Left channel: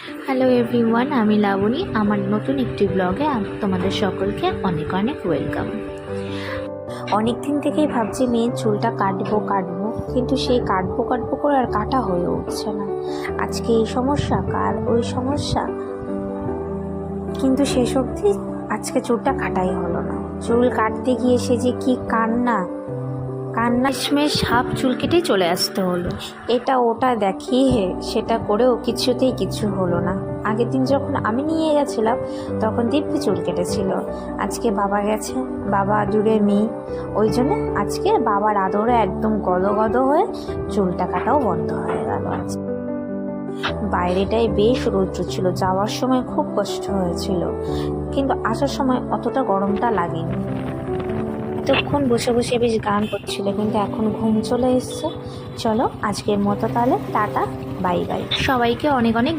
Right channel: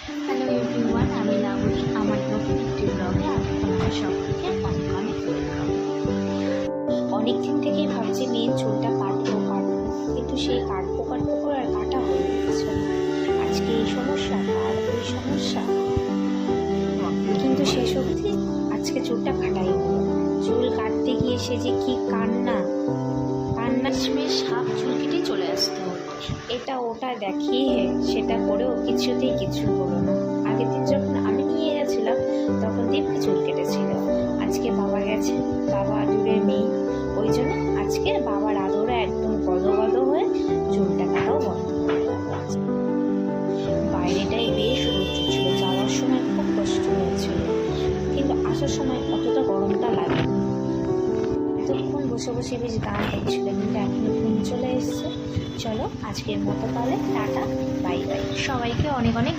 Hello everyone, আমি লাবণী। আমার নতুন একটি ব্লগে তোমাদের সকলকে অনেক অনেক ওয়েলকাম। অনেক দিন থেকেই ভাবছি মেয়ের চুলটা কাটবো কিন্তু সেই কাটবো করে আর কাটা হয়ে উঠছে না। আজকে এই সমস্যা, কাল ওই সমস্যা, কিন্তু সেই সত্যি আজকে চুলটা কাটাই হলো না। চুল কাটতে গিয়ে সে যে কি কান্না শেষমেশ হাফ চুল কেটেই চলে আসতে হলো। এটা ওটা দেখিয়ে সেটা করেও কিছুতেই কিছু হলো না। আগের দিন যখন আমি নিয়ে গেছিলাম তখন দিব্যি চুল কেটেছিল। আজকে বাবা গেছে, বাবা দূরের মেয়ে, ওই জন্য আজকে বাবার আদরে একদম গদ হয়ে চুলটা কাটাও বন্ধ হয়ে গেল। বাইরেটাই বেশ রৌদ্র ছিল, যাওয়ার সময় খুব কষ্ট হয়েছিল, কিন্তু আসার সময় অতটা গরমটা লাগেনি। এতক্ষণ বসে বেশ গান করছিল, কিন্তু এখন ঘুম চলে এসছে। চলো আজকের মতো তাহলে টাটা, বাই বাই। সবাইকে অনেক অনেক